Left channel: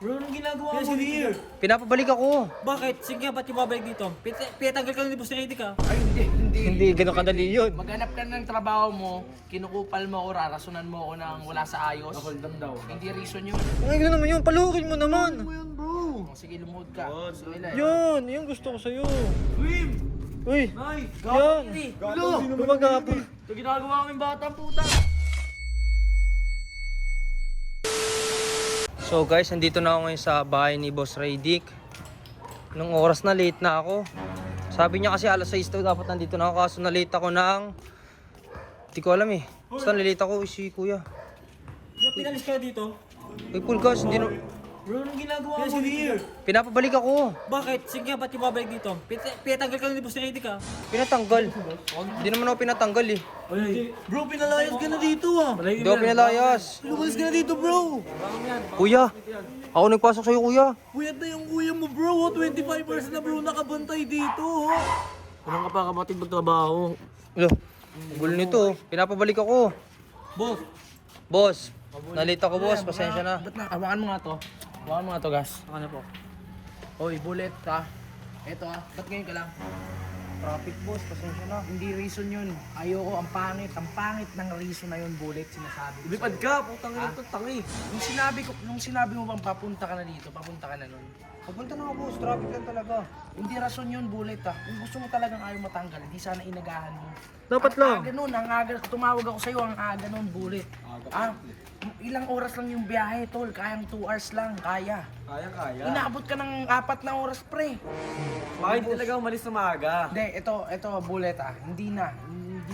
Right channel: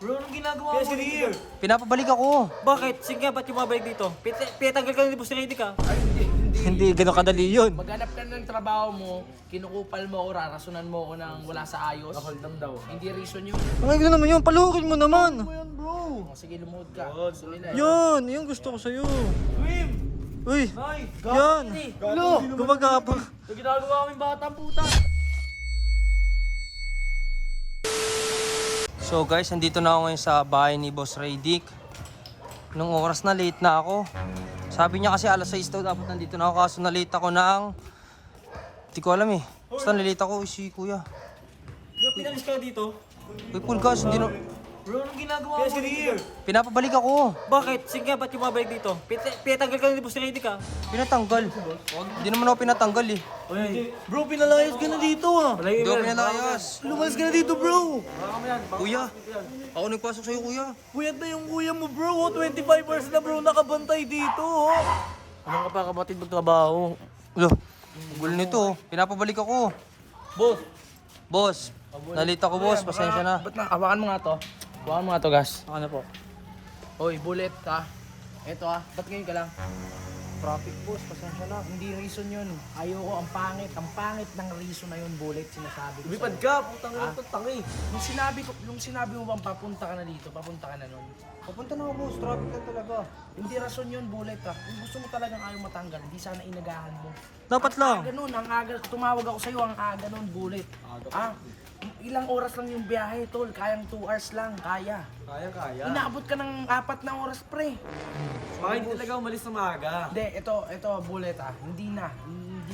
Bro, anong ginagawa mo here? Pinapabalik ako. Bakit? Sige nga, ba't yung babalik dito? Pinatanggal ka na ni Boss Ready ka? Hindi ganun kadali yun. Maghanap ka ng trabaho mo, kinukupal mo o rarasunan mo ako ng wala sa ayos. Hold on daw. Hindi reason yun. Ay, gano'n naman yun. Palukin mo naman. O, sige, lumuhod ka. Gusto nila eh. Yun, yung gusto ko sa'yo. Swim! Uy, Ay! yan. Lo! Gumagapang. Ito ginagawa kaming batang puta! So guys, nandito na ako ngayon sa bahay ni Boss Radic. Nung oras na late na ako. Sabi niya kasi alas 6 daw dapat nandito na ako, kaso na late ako ng... Hindi ko alam eh. Basta nalate ako si kuya. Pinalis ka na dito? Uy, full gas, hindi na... Bro, anong ginagawa mo here? Pinapabalik ako. Bakit? Sige nga, ba't yung babalik dito? Pinatanggal ka na ni Boss Ready ka? Pinatanggal. Hindi naman ako pinatanggal eh. Bro, pinalayas ka na dito ah! Hindi ako pinalayas. Lumas ka na dito, bro! Kuya, ako nagpasok sa'yo kuya. Kuya na yung kuya mo, bro! 25 hours na, bro, nakabantay dito, oh! Anong ka pa, kapatid, magtrabaho? Lo, ang gulo nito. Pinapabalik ako. Boss! Boss, nalate ako boss. Pasensya na. Ba't na? Hawakan mo nga to. Hawakan mo nga to, gas. Ano po? Oy, bullet ka. Eto ba't ngayon ka lang? Traffic boss, pasensya na. Hindi reason yun. Ayoko, ang pangit ng reason na yun, bullet, sinasabi ko Ibipad sa'yo. ka, putang ina ito, tangi! Nung sinabi mo bang papunta ka na dito, papunta ka na nun. Papunta na ako boss, traffic lang talaga. Hindi rason yun, bullet Kung gusto mo talagang ayaw matanggal, hindi sana inagahan mo. Dapat lang. Ang aga, tumawag ako sa'yo, ang aga nun, bullet. Ilang oras lang yung biyahe, tol. Kayang 2 hours lang, kaya. Kaya. Inaabot ka ng 4 na oras, pre. Baka hindi talaga umalis na maaga. Hindi, ito, bullet Hindi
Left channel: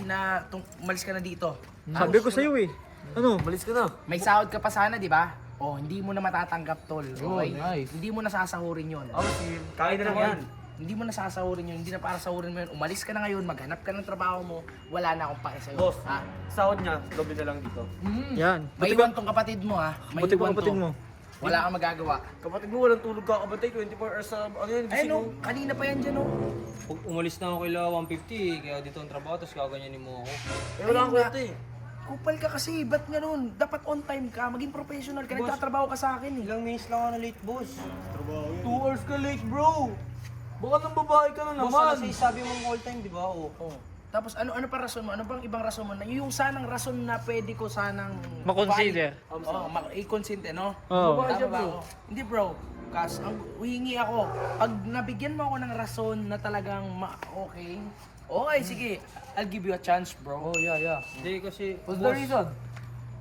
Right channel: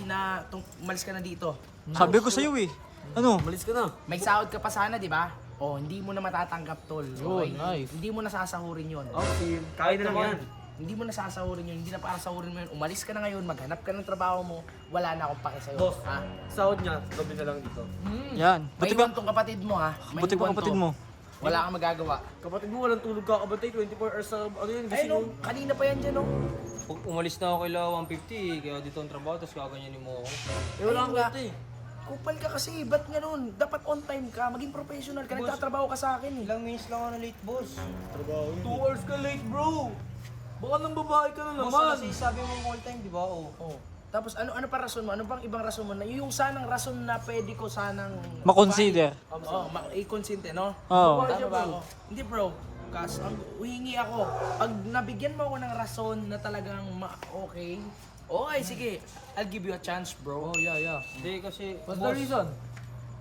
na, umalis ka na dito. Sabi ko sa'yo eh. Ano? Umalis ka na. May sahod ka pa sana, di ba? Hindi mo na matatanggap, tol. Okay? nice. Hindi mo na sasahurin yun. Okay, kaya na lang yan. Hindi mo na sasahurin yun, hindi na para sahurin mo yun. Umalis ka na ngayon, maghanap ka ng trabaho mo, wala na akong pake sa'yo. Boss, sahod niya, doble na lang dito. Yan. May Buti ba? iwan tong kapatid mo May Buti ba iwan kapatid to. mo? Wala kang magagawa. Kapatid mo, walang tulog ka kabatay, 24 hours sa, ano yun, Ay gising no, mo. kanina pa yan dyan Pag umalis na ako kay 150 kaya dito ang trabaho, tapos kaganyanin mo ako. Eh, wala kang kwenta eh. Kupal ka kasi, ba't ganun? Dapat on time ka, maging professional ka, nagtatrabaho ka sa akin Ilang minutes lang ako na late boss. 2 hours ka late, bro! Baka nang babae ka na Boss, naman. kasi sabi mo all time, di ba? Oo. Tapos ano pa rason mo? Ano bang ibang rason mo? Na yung sanang rason na pwede ko sanang... Ma-consider. I-consente, no? Oo. Tama ba ako? Hindi bro, kas, huhingi ako. Pag nabigyan mo ako ng rason na talagang okay, sige, I'll give you a chance, bro. Oh, yeah. Hindi kasi, What's the reason?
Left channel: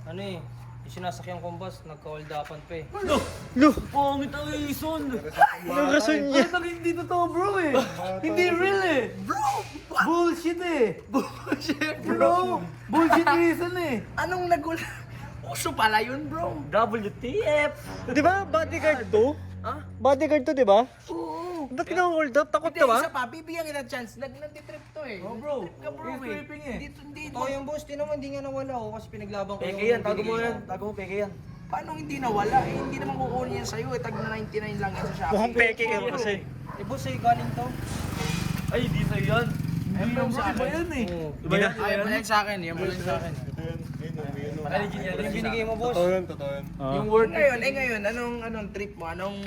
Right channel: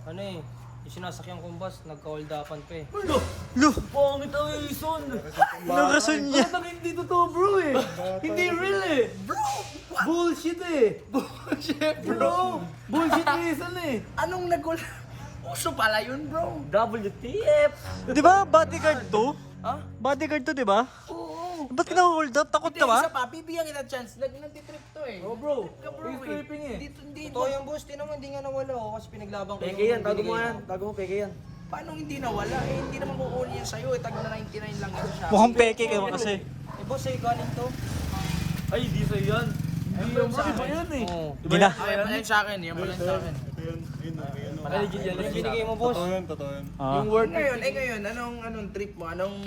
ano eh, yung sinasakyan kong bus, nagka-holdapan pa eh. Ano? Lo! Pangit ang reason. Anong rason niya? Bakit hindi totoo, bro eh? Hindi real eh. Bro! Bullshit eh. Bullshit, bro. Bullshit reason eh. Anong nagula? Uso pala yun, bro. WTF. Di ba bodyguard to? Ha? Bodyguard to, di ba? Oo. Ba't ka hold up? Takot Hindi, ka ba? isa pa, bibigyan kita chance. Nagtitrip to eh. Oh bro, Ka, bro, he's tripping eh. Hindi, Totoo yung boss, di naman, di nga nawala ako kasi pinaglaban ko. Peke yan, tago mo yan. Tago mo, peke yan. Paano hindi nawala? Hindi naman kukunin yan sa'yo. Tag na 99 lang yan sa Shopee. Mukhang peke kayo kasi. Eh boss, ay galing to. Ay, di sa'yo yan. Hindi yan bro, iba yan eh. Oo. Hindi na. Yan mo lang sa akin. Yan mo lang sa akin. Ay, legit yan. Ano yung binigay mo boss? Yung word Ngayon, anong trip mo? Anong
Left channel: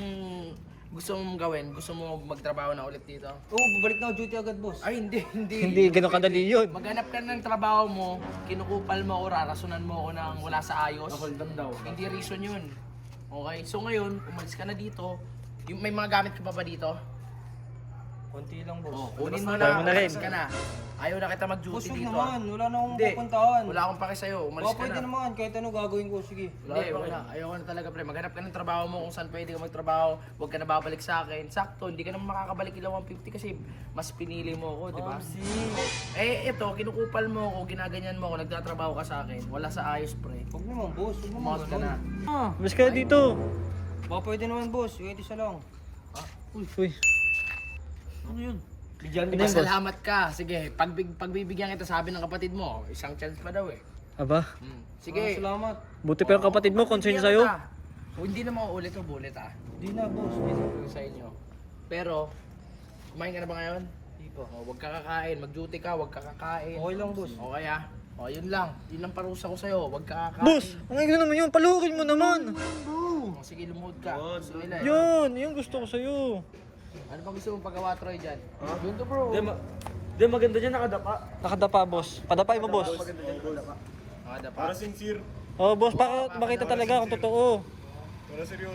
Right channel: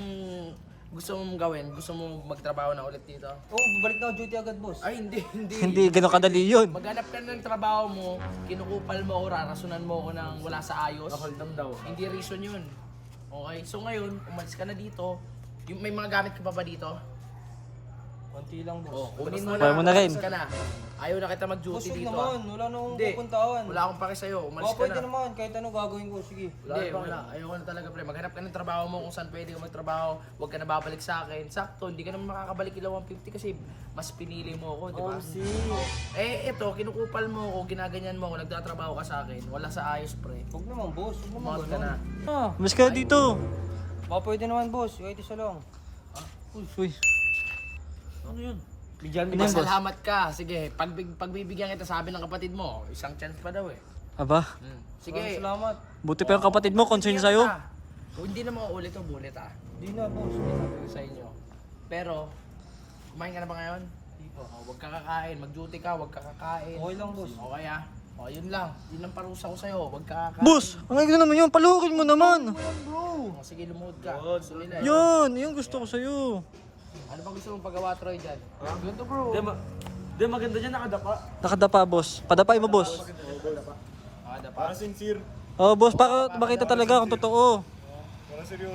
gusto mong gawin? Gusto mo magtrabaho na ulit dito? Oo, babalik na ako duty agad boss. Ay, hindi. Hindi, ganun kadali yun. Maghanap ka ng trabaho mo, kinukupal mo o rarasunan mo ako ng wala sa ayos. hold on daw. Hindi reason yun. Okay? So ngayon, umalis ka na dito. May mga gamit ka pa ba dito? Konti lang boss. Kunin mo Kaya na. mo na rin. Umalis ka na. Ayaw na kita Boss, mag-duty huwag dito. naman. Wala na akong Hindi. pupuntahan. Wala akong pake sa'yo. Umalis ka Pwede na. naman, kahit ano gagawin ko. Sige. Hindi, wala. Ayaw na talaga, pre. Maghanap ka ng trabaho mo kung saan pwede ka magtrabaho. Huwag ka na babalik sa akin. Sakto, hindi ka naman makakabalik ila 150 kasi mas pinili mo ako, di ba? Ito, kinukupal mo ako, ginaganyan mo ako, nagtatrabaho ka sa akin. Wala sa ayos, pre. Huwag naman boss. Huwag naman Umawag ka na. Mas ka dito. Baka pwede naman boss. Kahit isa lang. Uy. Ano yun? Bigyan Ano yun, boss? Salamat ka. Sige, pagbibigyan kita sabi ng kapatid mo, isang chance pa daw eh. Aba, Sige. salamat. Buti pa yung kapatid mo, concern bigyan sa'yo. kita. O, hindi na mauulit o bulit Di na boss. Hindi sa inyo. Pero, kumain ka na ba ngayon? Huwag ka kakain. Mag-duty ka, huwag ka kakain. Okay lang boss. Okay O, yun lang. Yun ang parusa ko sa'yo. Huwag ka kakain. Boss, ang ganda naman yun. Palukin mo naman. O, sige, lumuhod ka. Gusto nila eh. Yun, yung gusto ko sa'yo. Ano pa gusto mong pagawa, Troy, dyan? Yun to, bro. Di maganda dyan, nakadapa. Nakadapa, boss. Padapay mo, boss. Ada pa. Oh, boss, para makita talaga kung totoo.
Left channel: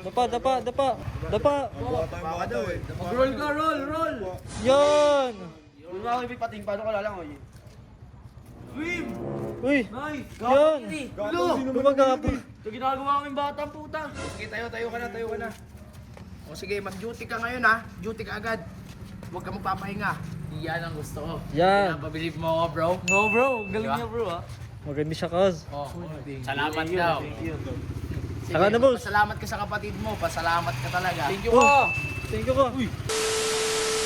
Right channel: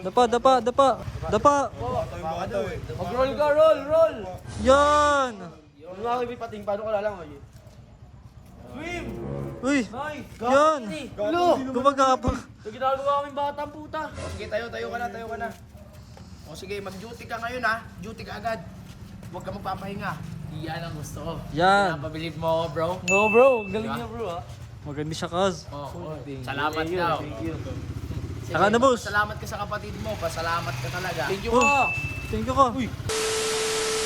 Dapa. Baka daw eh. Mag-roll ka, roll. Yan. Lumawi may pating, paano ko lalangoy? Swim! Uy, Nice! yan. Lo! Gumagapang. Ito ginagawa kaming batang puta. O, sige, tayo ka na. O, sige, mag-duty ka ngayon ha. Duty ka agad. Huwag ka magpapahinga. Yan ang gusto ko. Yan. Pinapabilib mo ako, bro. No bro, galing Diba? niya bro ha. Maganda siya, cuz. Salamat daw. Saka na, boss. Pasalamat ka sa kapatid mo. Pasalamat ka talaga. Thank you Oh. ka! Thank you ka.